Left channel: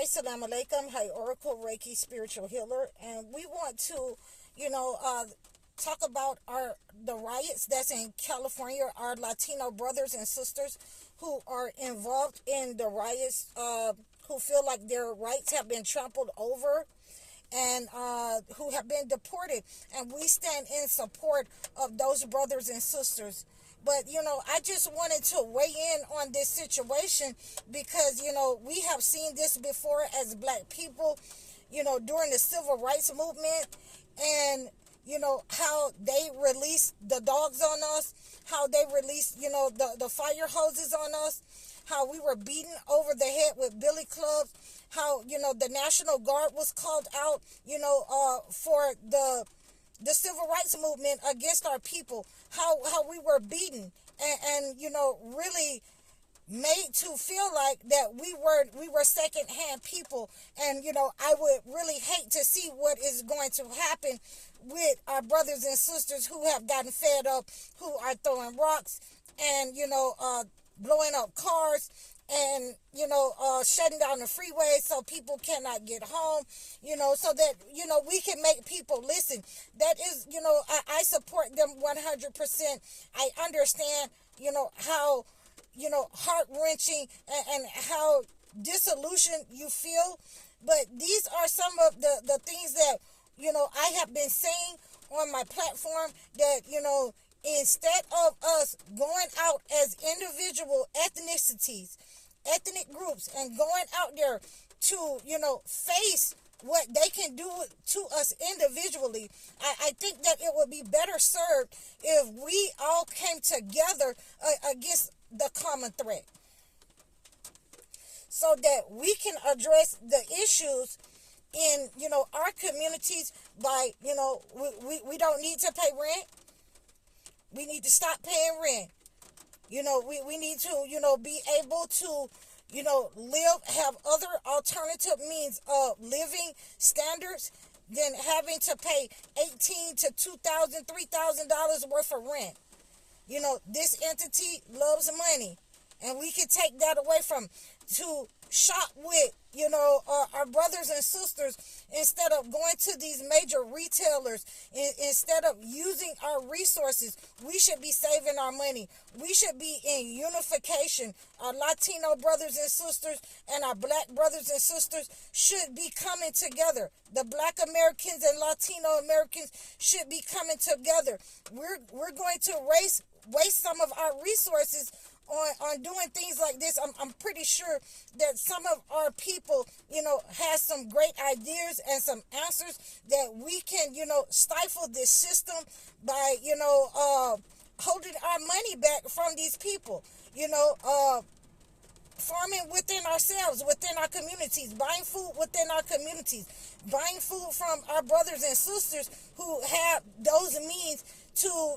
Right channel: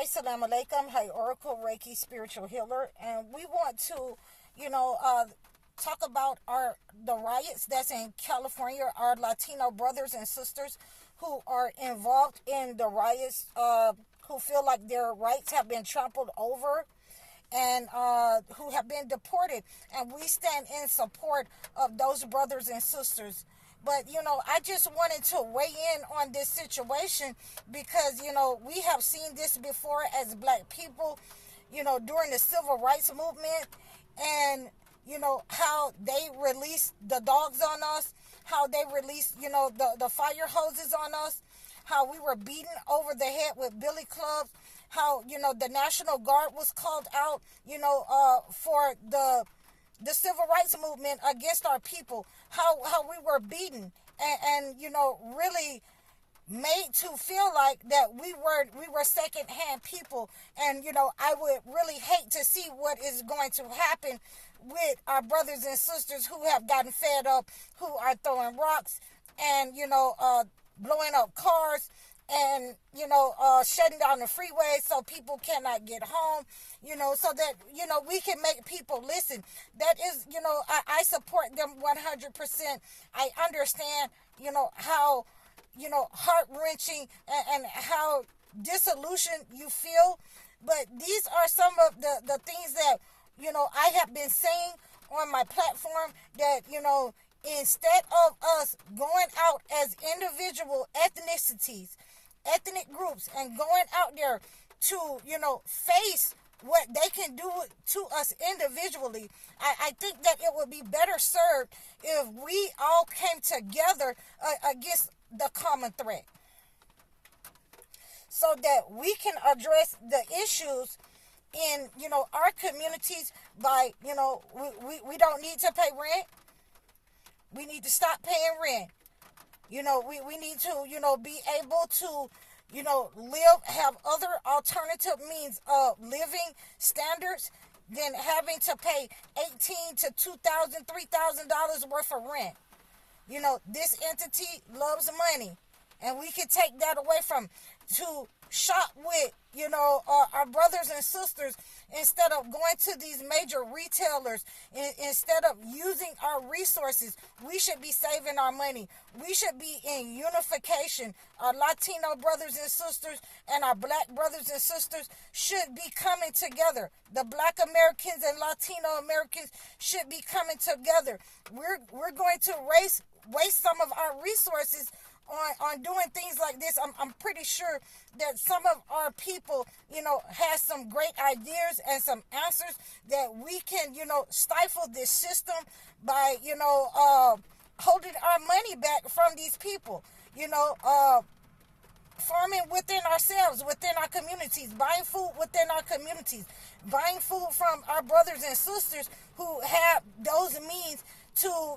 Assalamu alaikum. Hi, Oracle Reiki spiritual healer, and we want to, talk about the riots that's in California. Our Latino brothers and sisters who are involved in the riots, who feel like their rights have been trampled over, and who have been deported, and we stand in support of those brothers and sisters. But, I just wanted to weigh in on this situation because, we have seen this before as black people, during the civil rights movement, and, how they released the dogs on us, how they released, the fire hoses on us, how we were beaten over the head with billy clubs, how, the National Guard was called out, for the civil rights movement against our people, how we were beaten and really made to feel like that we were secondhand people. And I would really hate to see what is going to happen with our brothers and sisters who have gotten fed up, who are throwing rocks and blowing up cars and shutting down the freeway so people cannot get home, so that we can make people listen. That is, I support them 100%. I understand how heart-wrenching and how disillusioned you feel, but these are some of the things that I have been saying on my platform, that instead of us going out as individual ethnicities, ethnic groups, and going out there to face what they can do to us individually, I think that it would be better served if we all came together against the common threat, so that we can address the issues in our communities by we don't need to pay rent. We need to stop paying rent. We need to, be able to, have other alternative means of living standards than having to pay $1,800 to $2,000, $3,000 worth of rent. This entity loves money, and we can take that away from to shop with, our brothers and sisters, instead of going to these major retailers, instead of using our resources. We should be saving our money. We should be in unification. Our Latino brothers and sisters and our black brothers and sisters should be coming together. The black Americans and Latino Americans should be coming together. We're going to waste some of our resources on doing things like this. I'm pretty sure that some of our people, has some great ideas and some answers that we can, stifle this system by, holding our money back from these people, farming within ourselves, within our communities, buying food within our communities, buying food from our brothers and sisters who have those means to,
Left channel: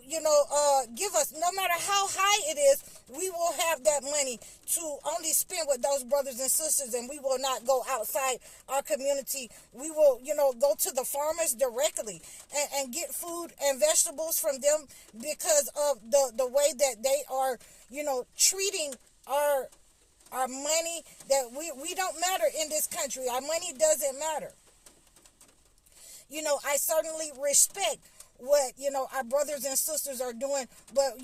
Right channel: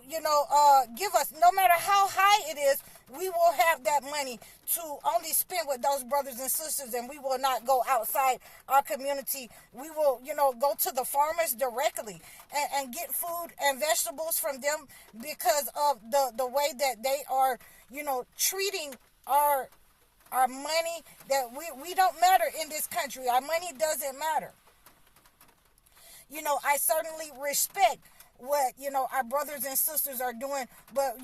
give us. No matter how high it is, we will have that money to only spend with those brothers and sisters, and we will not go outside our community. We will, go to the farmers directly and get food and vegetables from them because of the way that they are, treating our money. That we don't matter in this country. Our money doesn't matter. I certainly respect what our brothers and sisters are doing, but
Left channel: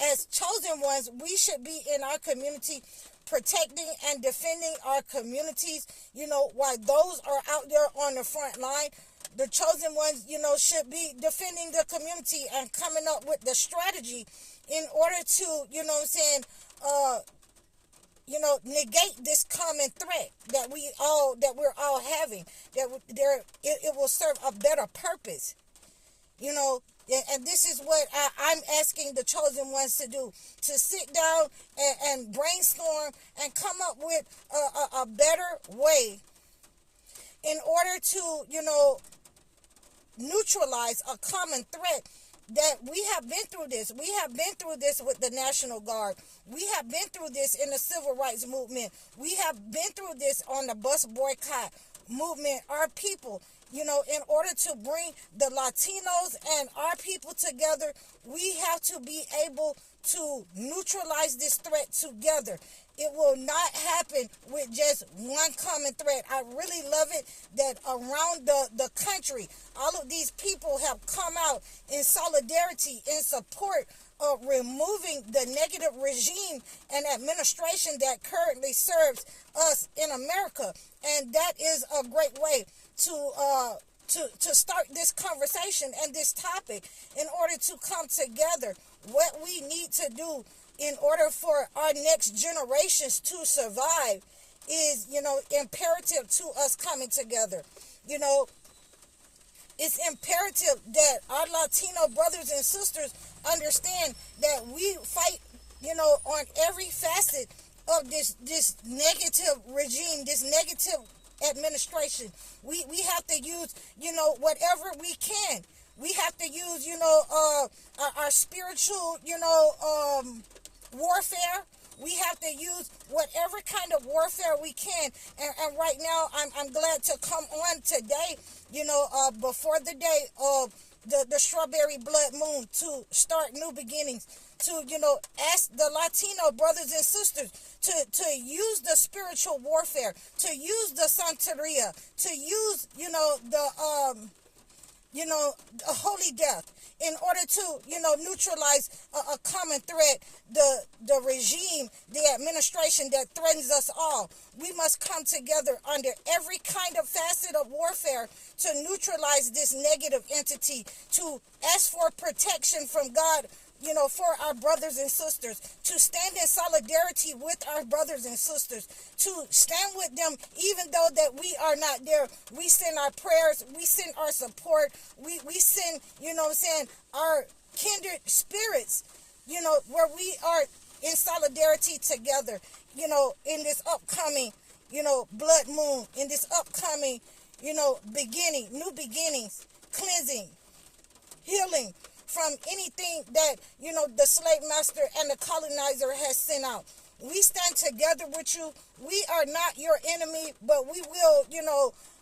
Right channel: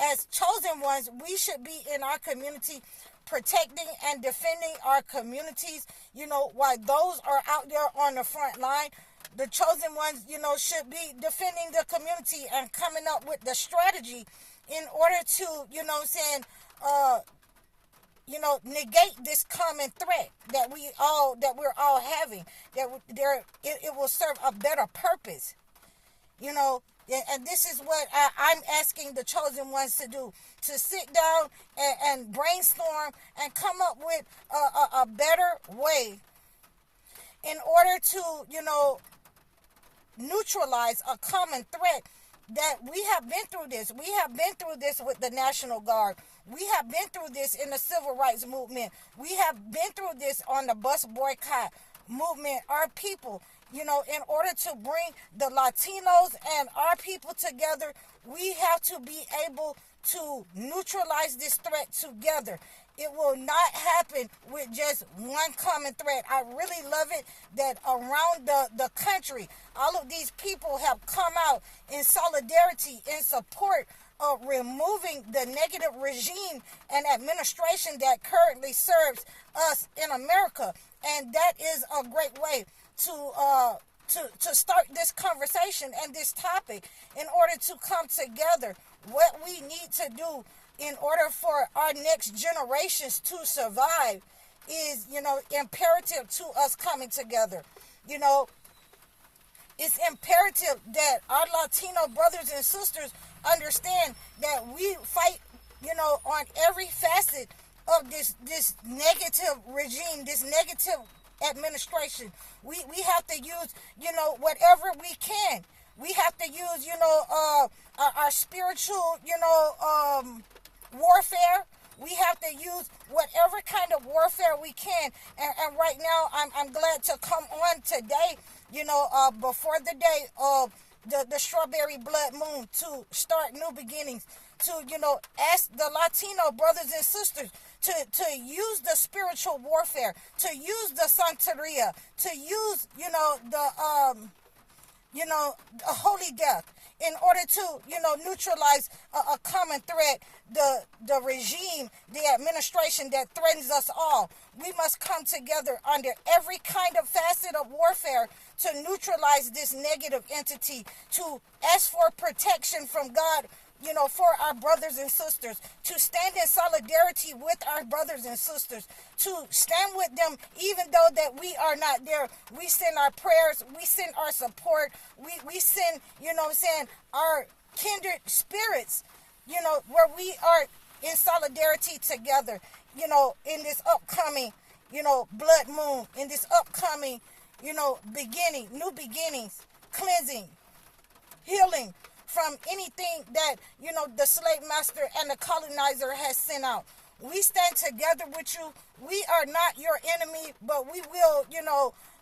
as chosen ones, we should be in our community protecting and defending our communities, while those are out there on the front line. The chosen ones, should be defending the community and coming up with the strategy in order to, negate this common threat that we're all having, it will serve a better purpose. And this is what I'm asking the chosen ones to do, to sit down and brainstorm and come up with a better way in order to, neutralize a common threat. That we have been through this. We have been through this with the National Guard. We have been through this in the civil rights movement. We have been through this on the bus boycott movement. Our people, In order to bring the Latinos and our people together, we have to be able to neutralize this threat together. It will not happen with just one common threat. I really love it that around the country, all of these people have come out in solidarity, in support of removing the negative regime and administration that currently serves us in America. And that is a great way to start this conversation and this topic in order to come together. What we need to do in order for our next generations to survive is, imperative to us coming together. It's imperative that our Latino brothers and sisters understand that we fight, on every facet of this negative regime, this negative administration. We have to use, whatever we can. We have to use, our spiritual, warfare. We have to use whatever kind of warfare we can. And right now, I'm glad to come on today, before the day of the strawberry blood moon, to start new beginnings, to, ask the Latino brothers and sisters to use the spiritual warfare, to use the Santeria, to use, the holy death, in order to, neutralize a common threat, the regime, the administration that threatens us all. We must come together under every kind of facet of warfare to neutralize this negative entity, to ask for protection from God, for our brothers and sisters, to stand in solidarity with our brothers and sisters, to stand with them even though that we are not there. We send our prayers, we send our support, we send, our kindred spirits, where we are in solidarity together, in this upcoming, blood moon, in this upcoming, beginning, new beginnings, cleansing, healing from anything that, the slave master and the colonizer has sent out. We stand together with you. We are not your enemy, but we will,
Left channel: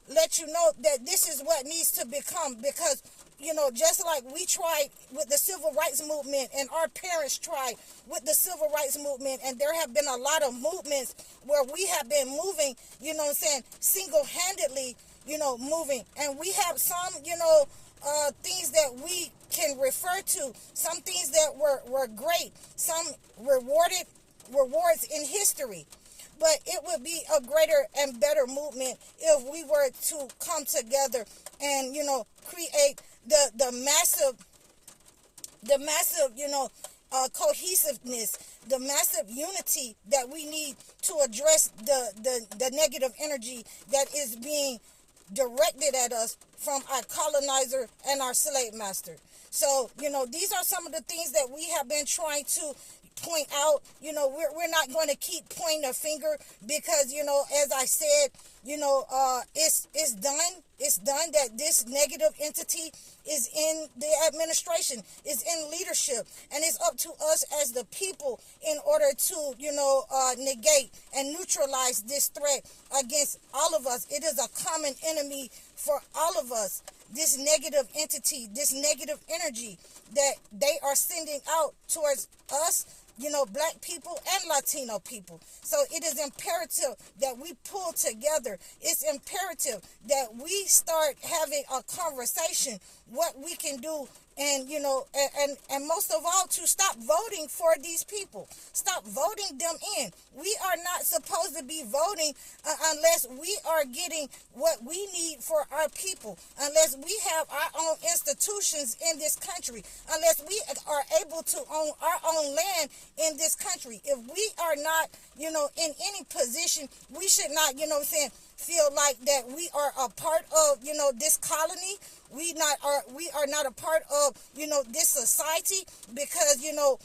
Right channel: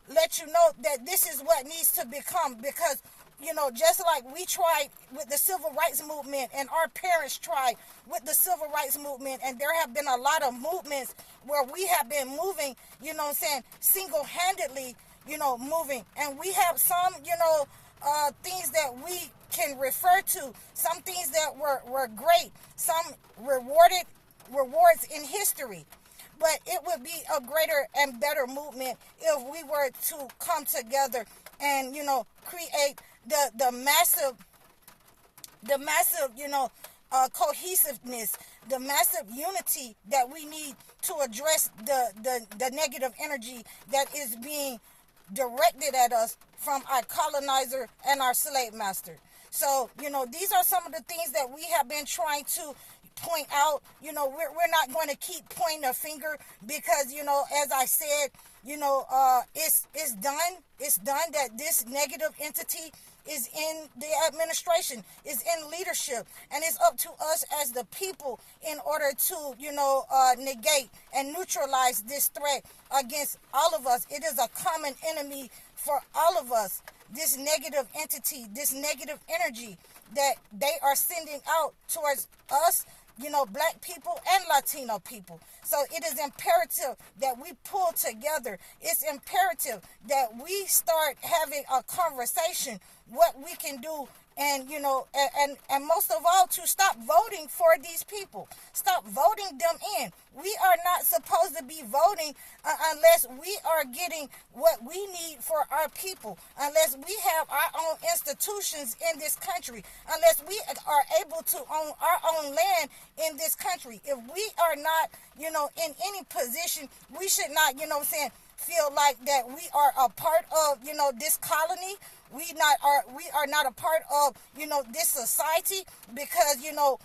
let you know that this is what needs to become, because, just like we tried with the civil rights movement and our parents tried with the civil rights movement, and there have been a lot of movements where we have been moving, single-handedly, moving. And we have some, things that we can refer to, some things that were great, some rewards in history. But it would be a greater and better movement if we were to come together and, create the massive, cohesiveness, the massive unity that we need to address the negative energy that is being directed at us from our colonizer and our slave master. So, these are some of the things that we have been trying to point out. We're not going to keep pointing a finger because, as I said, it's done. It's done that this negative entity is in the administration, is in leadership, and it's up to us as the people in order to, negate and neutralize this threat against all of us. It is a common enemy for all of us. This negative entity, this negative energy that they are sending out towards us, Black people and Latino people. So it is imperative that we pull together. It's imperative that we start having a conversation, what we can do, and, and most of all, to stop voting for these people. Stop voting them in. We are not supposed to be voting unless we are getting what we need for our people, unless we have our own institutions in this country, unless we are able to own our own land in this country. If we are not, in any position, we should not, feel like that we are a part of, this colony. We are not a part of, this society because,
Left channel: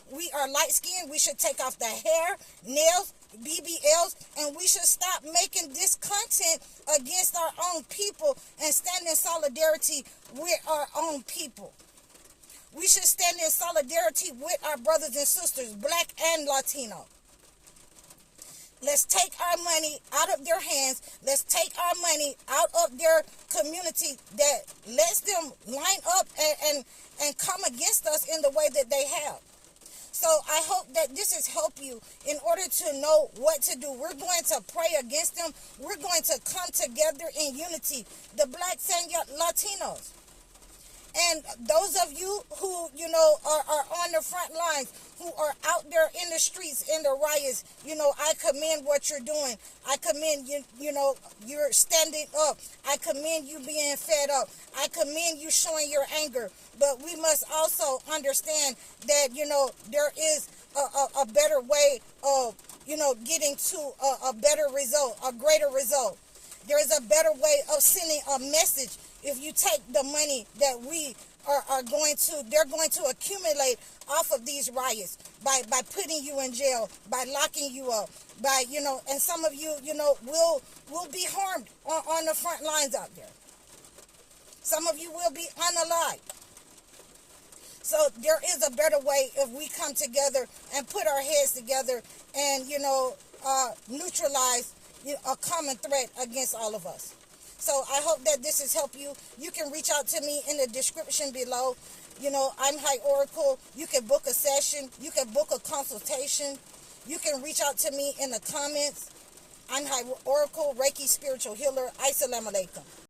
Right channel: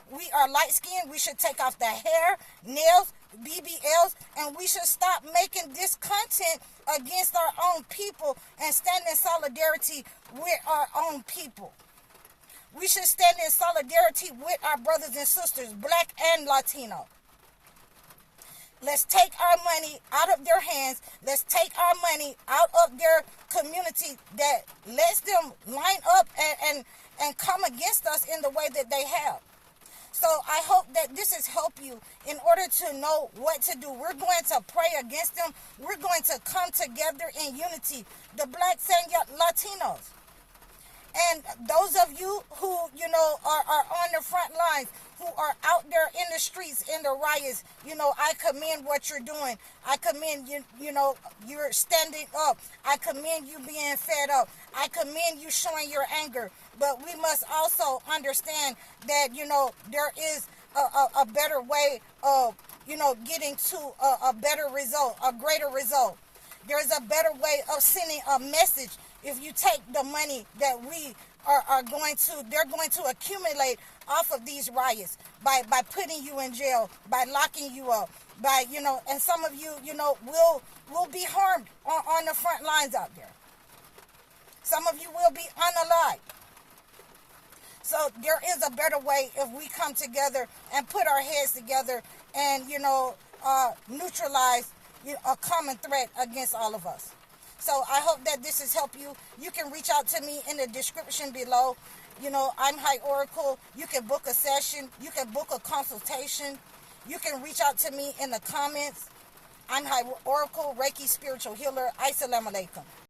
we are light-skinned. We should take off the hair, nails, BBLs, and we should stop making this content against our own people and stand in solidarity with our own people. We should stand in solidarity with our brothers and sisters, Black and Latino. Let's take our money out of their hands. Let's take our money out of their community that lets them line up and come against us in the way that they have. So I hope that this has helped you in order to know what to do. We're going to pray against them. We're going to come together in unity, the blacks and Latinos. And those of you who, are on the front lines, who are out there in the streets, in the riots, I commend what you're doing. I commend you, you're standing up. I commend you being fed up. I commend you showing your anger. But we must also understand that, there is a better way of, getting to a better result, a greater result. There is a better way of sending a message. If you take the money that we are going to, they're going to accumulate off of these riots by putting you in jail, by locking you up, by, and some of you, will be harmed on the front lines out there. Some of you will be unalived. So there is a better way if we come together and put our heads together and, neutralize a common threat against all of us. So I hope that this has helped you. You can reach out to me in the description below. I'm High Oracle. You can book a session. You can book a consultation. You can reach out to me in the comments. I'm High Oracle, Reiki Spiritual Healer. Assalamu alaikum.